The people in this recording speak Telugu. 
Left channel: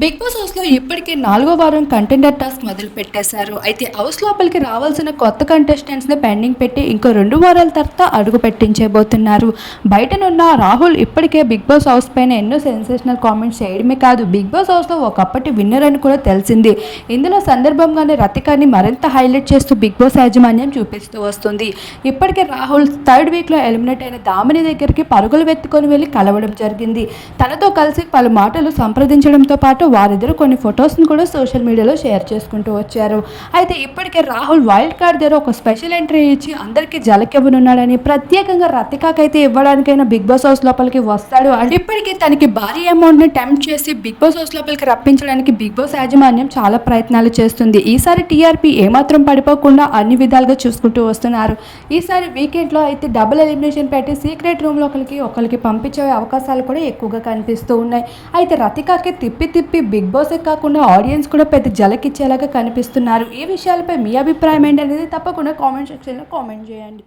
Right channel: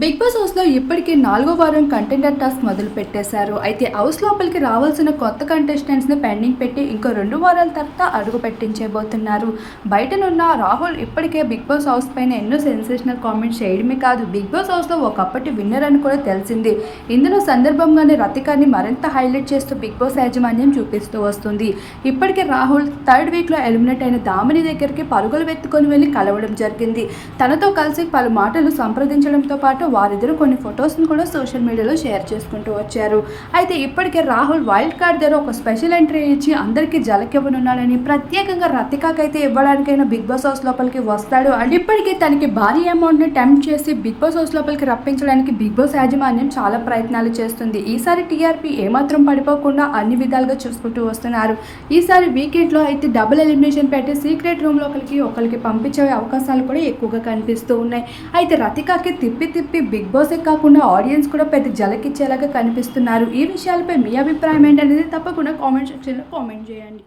బిగ్ బాస్ హౌస్‌లో ఇప్పటికి 4వ వారం కంటెండర్ టాస్క్ మొదలు పెట్టేశారు. అయితే హౌస్ లోపలికి రావాల్సిన కొత్త కంటెస్టెంట్స్‌ని పెండింగ్ పెట్టి ఇంకో 2 వారాల తర్వాత అడుగు పెట్టించబోతున్నారు. బయటనున్న రాహుల్ ఇప్పటికే బిగ్ బాస్ హౌస్ పైన ఎన్నో సెన్సేషనల్ కామెంట్స్ చేయడమే కాదు, బిగ్ బాస్ హౌస్‌లో ఒకప్పటి విన్నర్ అని కూడా తెలిసింది. ఇందులో సందర్భంగానే రతికాని మరింత హైలైట్ చేస్తూ బిగ్ బాస్ యాజమాన్యం చూపిస్తూ వస్తుంది. ఇప్పటికే రాహుల్ థర్డ్ వీక్‌లో ఎలిమినేట్ అయిన దామిని దగ్గరికి పరుగులు వెత్తుకొని వెళ్లి కలవడం జరిగింది. తనతో కలిసి పలు మాటలు సంప్రదించడంతో పాటు వారిద్దరూ కొన్ని ఫొటోస్ని కూడా సోషల్ మీడియాలో షేర్ చేసుకుంటూ వచ్చారు. అయితే ఇప్పటికే రాహుల్ వైల్డ్ కార్డ్ దగ్గర ఒక స్పెషల్ ఎంట్రీ ఇచ్చి అందరికీ జలకివ్వనున్నాడని, ప్రత్యేకంగా రతికాకైతే ఇవ్వడానికైనా బిగ్ బాస్ హౌస్ లోపలికి వస్తాడు అండ్ ఇప్పటికే తనకి భారీ అమౌంట్ని టెంప్ట్ చేసి బిగ్ బాస్ హౌస్ లోపలికి రప్పించడానికి బిగ్ బాస్ యాజమాన్యం చాలా ప్రయత్నాలు చేస్తుంది. ఈసారి టీఆర్పీ ఏమాత్రం పడిపోకుండా అన్ని విధాలుగా చూసుకుంటూ వస్తున్నారు. ఈసారి వీకెండ్లో అయితే డబుల్ ఎలిమినేషన్ పెట్టి సీక్రెట్ రూమ్ లోపలికి ఒకరికి పంపించే అవకాశాలు కూడా ఎక్కువగా కనిపిస్తూ ఉన్నాయి. అయితే రతికాకి తిప్పి బిగ్ బాసే కాకుండా ఆడియన్స్ కూడా పెద్ద జలకిచ్చేలాగా కనిపిస్తున్నారు. ఈ విషయాలపై మీ అభిప్రాయం ఏంటనేది తప్పకుండా కామెంట్ సెక్షన్లో కామెంట్ చేయండి.